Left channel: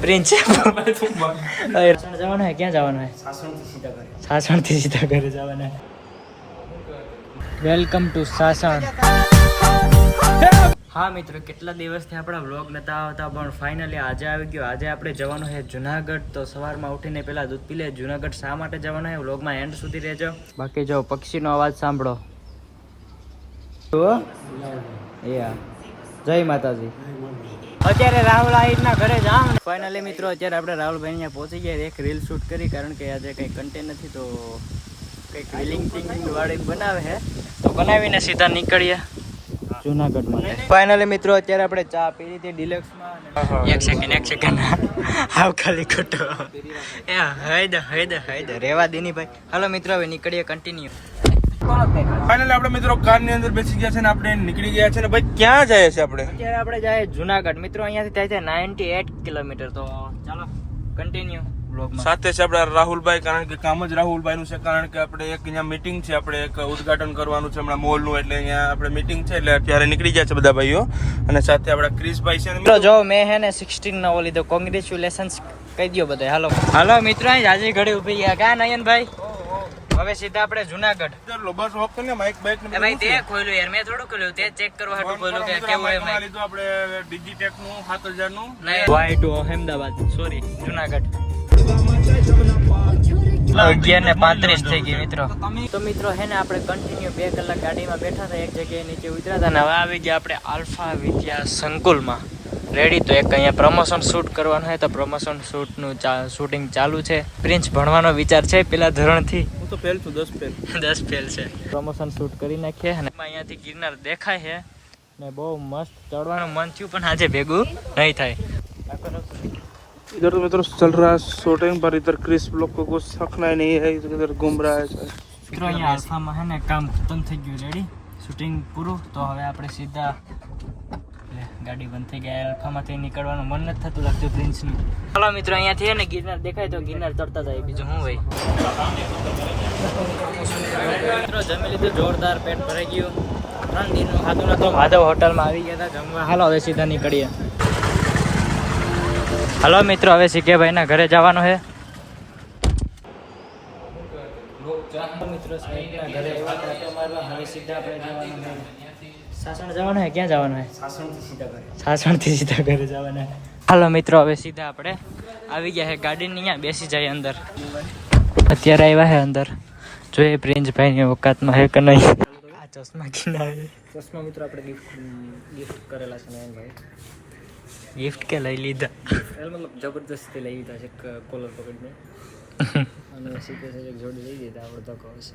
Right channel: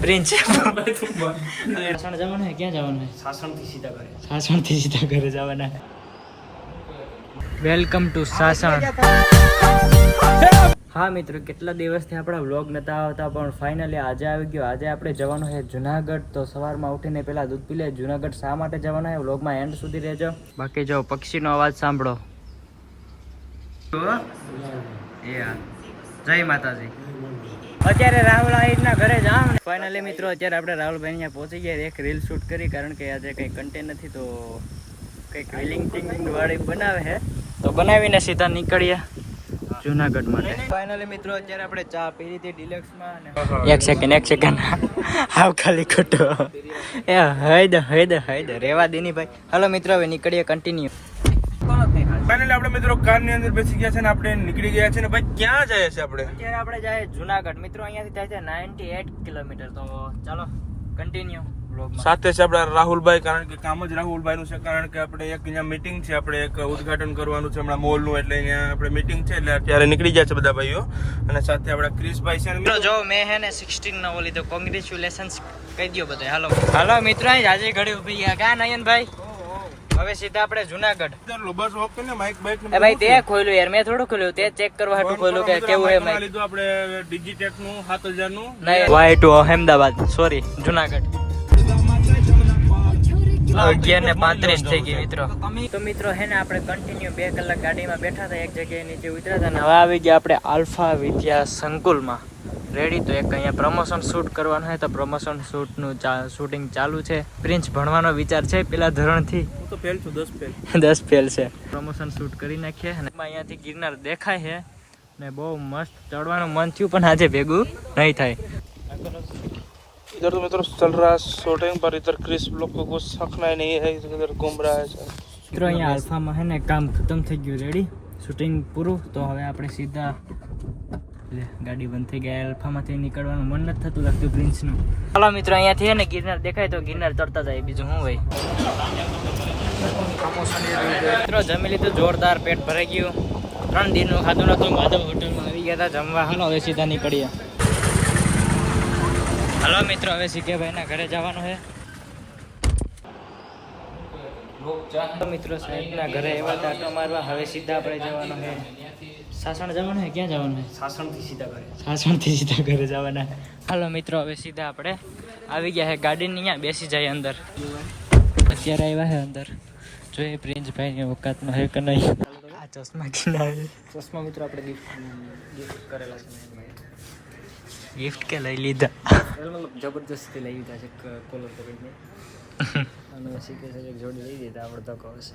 સાસણ ક્યાં જવાનું હે? સાસણથી સીધા ઘરે જવાના વેલકમ ટુ સાસણ. હા મિત્રો, કેટલા દિવસથી આપણા વ્લોગ નતા આવતા, પણ ફાઇનલી આજે આવી ગયો. આજે આપણે જવાનું છે જુનાગઢ. તો સવારમાં ઉઠીને પહેલા દૂધ પી લે. જુનાગઢ શા માટે જવાનું છે વ્લોગમાં એન્ડ સુધી રહેજો. બાકી જો, પક્ષીનો અવાજ સાંભળો. જય માતાજી. અત્યારે રાહુલ આહિરના ઘરે જામ ફાઇનલી મિત્રો, અત્યારે આપણે રાહુલભાઈ અહીંયા પહોંચી ગયા. એક રીલ શૂટ કરી, કારણ કે આજે કંઈ કન્ટેન્ટ નથી, તો કંઈક રીલિંગ ટિંગિંગ વાળી બનાવે છે. તો બનાવીને સીધા નીકળીએ જુનાગઢ માટે. ફાઇનલી મિત્રો, અત્યારે આપણે ચા પી લીધી ડિલક્સમાં એક સેકન્ડ એક સેકન્ડ હાવ ખાલી ખોટો. એ હૈદ હૈદ હૈદ. રેવા દેની ભાઈ. હાલો મિત્રો, હવે નીકળીએ કન્ટિન્યુ ફાઇનલી આપણે મિત્રો કારની અંદર બેસી ગયા છે ને આપણે નીકળી ગયા છે ને ભાઈ ક્યાં જાય છે આપણે? અત્યારે આપણે જાય જુનાગઢ. મિત્રો અહીંયાથી થાય છે નાઇન્ટી એટ કિલોમીટર. તો ચાલો કન્ટિન્યુ સાથે છે આપણા રાહુલભાઈ કારણ કે કામ જ રાહુલભાઈ નું છે કારણ કે આપણે એક અહીંયા મીટિંગ છે આપણે એક ઉદઘાટન કરવાનું છે હમણાં મોલનું એટલે અહીંયા આપણે મીટિંગ છે એટલે અત્યારે નીકળી ગયા છે બધા ભાઈઓ. અને સાથે આપણા ક્રિશભાઈ છે મિત્રો જો મેં હે ને સિક્સટીન નવો લીધો કોંગ્રેચ્યુલેશન્સ કહી દો બધા હાલો. હાલો મિત્રો આજે ઘડી ઊભી ગયા કા નયનભાઈ? હવે સીધા આપણે જુનાગઢ. બસ ઓફ કરીને માઇક બાઇક ને ભાઈ તે ખોલ્યું યાર મેં થોડું ખોલ્યું તે ચેક કરવા હાટું ખોલ્યું કે કેવું માઇક લીધું આપણે ડિજીટેકનું 7000 નું. વાય ટુ અહેમદાબાદ સોરી જુનાગઢ. અગિયાર ને પાંત્રીસ થઈ ગઈ મિત્રો. તો મિત્રો હે ને આપણે કન્ટિન્યુ બે કલાક ગાડીમાં બેઠા હતા એક જગ્યાએ નીચે ઉતર્યા હતા અને હવે આવી ગયા આપણે આલ્ફા વિદ્યા સંકુલમાં. રેડી તો એક અહીંયા પ્રમોશન શૂટ કરવાનું હોય તો પ્રમોશન શૂટનું શૂટિંગ ચાલુ છે. પ્રિન્સ ભણવાનો વિચાર છે પેલા ધોરણથી. તો ફેલ છું દસ ફેલ દસ ફેલ છે પ્રમોશન શૂટ કરી નાખીએ અને અહીંયાથી ગિરનાર દેખાય છે ને બહુ મસ્ત ચડવાનું મન થયું પણ આજે ભેગું નહીં થાય इधर तो मित्रों चल रहा है शूटिंग पर इधर क्रिस लोग को कुछ रखना ही नहीं है इधर घूम रहा है મિત્રો અહીંયા આલ્ફામાં હે ને કામ ખતમ થઈ ગયું રેડી શૂટિંગ પૂરું તો હવે આપણે સીધા લે ગાડી બંધ થઈ ગયા અલ્ફામાંથી નીકળવાનું મન નથી થતું લાગતું પ્રિન્સનું. ચાલો મિત્રો, અહીંયાથી છે ને ગિરનાર દેખાય તો ગિરનાર તરતા જાય, બીજું શું હોય? મિત્રો, જમી લીધું, જોરદાર પેટ ભરાઈ ગયું. ત્રણ દિનનું ખાધું નતું માધવ હોટલમાં આવી ગયા હતા, જમવા. હાલો, હવે સીધા નીકળીએ. હાલો મિત્રો, હવે સિકેભાઈના ઘરે જવાનું છે. મિત્રો, સાહેબના ઘરે એવા આટો મારવા હવે સીધા આપણે જવાનું છે. સાસણ જવાનું છે ક્યાં જવાનું સાસણથી સીધા ઘરે. સાસણથી સીધા ઘરે જવાના હાલો મિત્રો હવે સીધા આપણે આવી ગયા છે ગાડીની અહીંયા બેસી જાય અંદર. અત્યારે આવ્યા છે અંદર. જોઈએ પ્રિન્સભાઈની ઓકાતમાં હે કે નહીં. આ ચશ્મા ચશ્મા મિત્રો આપણે ગિફ્ટ ગિફ્ટ કરેલા છે ગિફ્ટ કે લઈ લીધા? મતલબ જબરદસ્તી લઈ લીધા છે કોલર પકડીને અને સીધે સીધે જોડી લઈ દીધા આપણે તો કહો છે.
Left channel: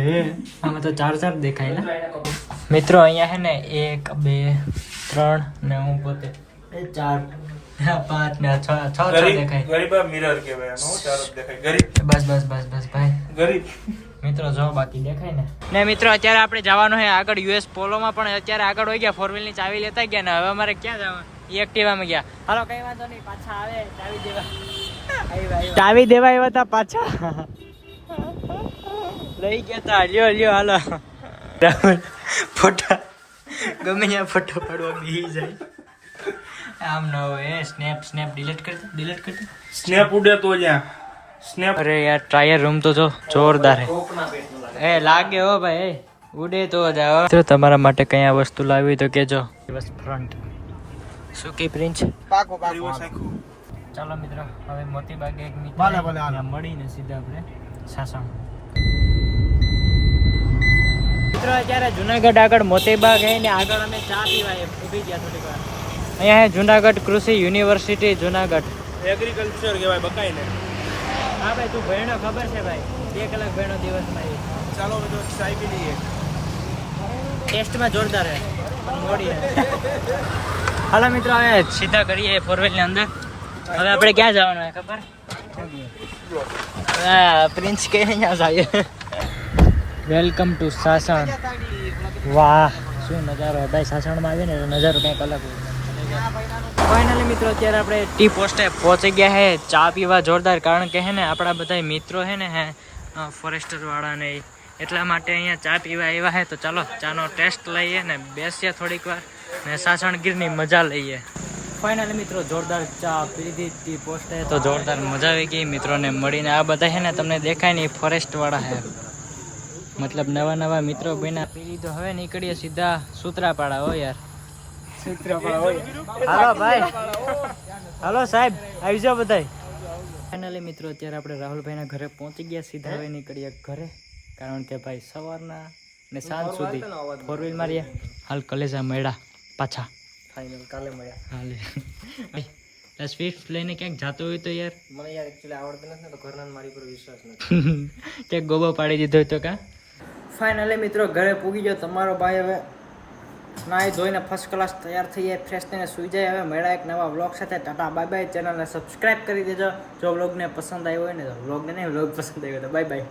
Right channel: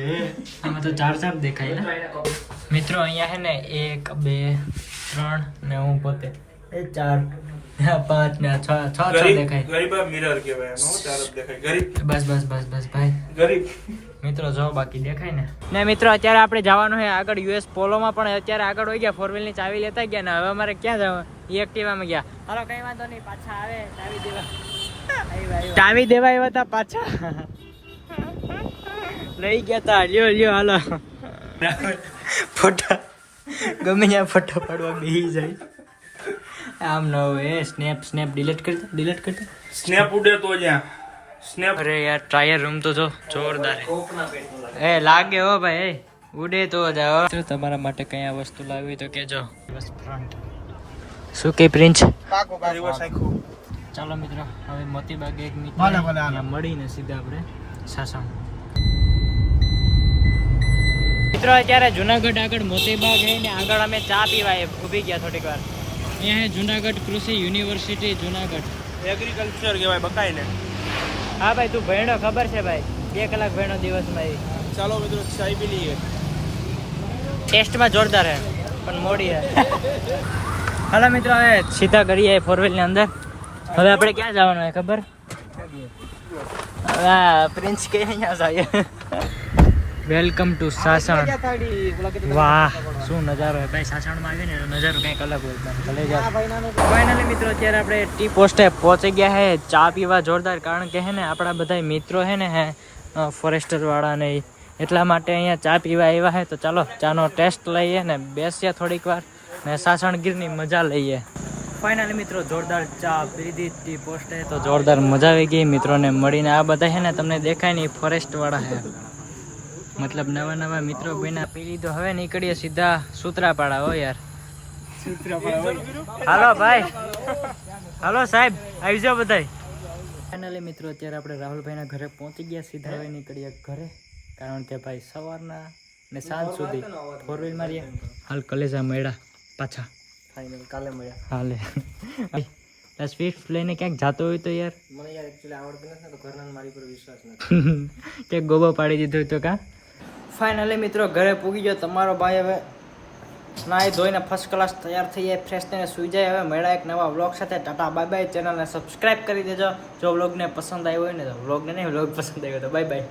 આમ આમાં તો ચાર ચાર દેખાય ને. મિત્રો અહીંયા છે ને એક બે ત્રણ ને હું પોતે. એ ચાર. હા, પાંચ ને છ છ છ દેખાય. ગરીબ મિરર કહેવાય એમાં દેખાય. ગરીબ. બસ બસ બસ બસ ભાઈ. ગરીબ. મિત્રો જો બાકી દેખાય ને. ને મિત્રો અત્યારે આપણે જવાનું છે આગળ યુએસ પોલોમાં પણ અત્યારે આગળ હોય ગયા ફોરની ચાવી લેતા ગયા ને હવે અમારે ક્યાં જવાનું? એક્ટિવામાં ગયા. હાલો કઈ વાંધો નહીં પાછા આવે ચાવી દેવા. ચાવી દેવા આવ્યા હતા પાછા. લઈ ગયા તા. લ્યો લ્યો હાલો. ફોટા. ગમે ત્યાં ફોટો પાડવા બેસી જાય. આમ ન હોય સ્નેપ સ્નેપ ડિલીટ કરી ડિલીટ કરી સ્નેપ ઉડે તો જ્યાં. સ્નેપ અરે યાર ટ્રાયર રૂમ તો જો જોરદાર હે. એ લાગે હો ભાઈ એ. ઉડે તો જાઓ જો તમારા માટે કઈ આ વસ્તુ લાવી તો કેજો બસ ફ્રન્ટ શું કે પ્રિન્સ? રિવર્સ આખું ચાલો મિત્રો હવે મોતી બાગે એક નીકળે મળીને સીધા આપણે સાસણ. મિત્રો અત્યારે જુનાગઢ આગળ મોતીબાગ ગઈ ને આગળ અમે ચા પીવા ઊભી ગયા થોડીક વાર. અહીંયા જુનાગઢ કૃષિ યુનિવર્સિટી જુનાગઢ. એગ્રીકલ્ચર કહેવાય બકાઈ ને. હા ભાઈ તું ભણ્યો ખબર છે ભાઈ? બે કલાક ભણ્યો દિવસમાં એ ચાલો મિત્રો ચાય પી લઈએ. ટેસ્ટમાં જોરદાર હે પણ મોડી હે હાલો મિત્રો હવે સીધા કરીએ ફોર વ્હીલની અંદર. હવે આપણે ક્યાં જવાનું છે ખબર? પ્રિન્સ કે અહીંયા જાય વેલકમ ટુ સાસણ. વાહ, શું નજારો હોય ભાઈ, સાસણમાં આવીને નજારો કંઈક અલગ હોય ફાઇનલી મિત્રો, અત્યારે આપણે ટી પોસ્ટે પહોંચી ગયા હે. ચા પીવા જોરદાર, કારણ કે હે ને, આપણા બધા મિત્રો હે ને, હે ફોરેસ્ટર વાળા ને એટલા માટે અહીંયા ચા પીવા આવ્યા હે. તો ચાલો, ચાનો ટેસ્ટ લઈએ ને બેસીએ થોડીક વાર ને સાસણગીરની મજા લઈએ. ફાઇનલી મિત્રો, જોરદાર ચા પી ટી પોસ્ટે તો જોરદાર મજા આવી ગઈ. મિત્રોને મળીને આ બધા છે ને, તમને દેખાય ને ફોરેસ્ટ વાળા છે મતલબ નવા નવા મિત્રો બન્યા પીરી તો હવે નીકળીએ સીધા સૂત્રાપાડા હો યાર. હાલો ભાઈ. હાલો સાહેબ આવી જાઓ બધા ફાઇનલી મિત્રો અત્યારે આપણે રાહુલભાઈના ઘરે પહોંચી ગયા સીધા હવે નીકળીએ ઘરે. કારણ કે ભાઈ સવારના ને સાંજ સુધી ફોર વ્હીલ મારીએ. હાલ કલેજા મળ્યા પાછા. ફાઇનલ કાલે મળ્યા. હાલે. સ્વિફ્ટ લઈને ક્યાંક જાતો હોય તો યાર. મને યાર એકચ્યુઅલી આવડતું નથી ને તો ઘરના મારી પર વિશ્વાસ નથી. કે ગોબો પાડી દીધો હોય તો કા? ફાઇનલી મિત્રો, ઘરે પૂગી ગયો. તમારો ભાઈ હવે નાહી ધોઈને ફર્સ્ટ ક્લાસ તૈયાર થઈ જાય ફ્રેશ થઈને સુઈ જાય. હવે મળ્યા એક નવા વ્લોગ સાથે. ટાટા બાય બાય ચેનલને સબસ્ક્રાઈબ કરી દેજો. જો વ્લોગને પસંદ આવ્યો હોય ને તો વ્લોગને નહીં વ્લોગ પસંદ આવ્યો તો બાય બાય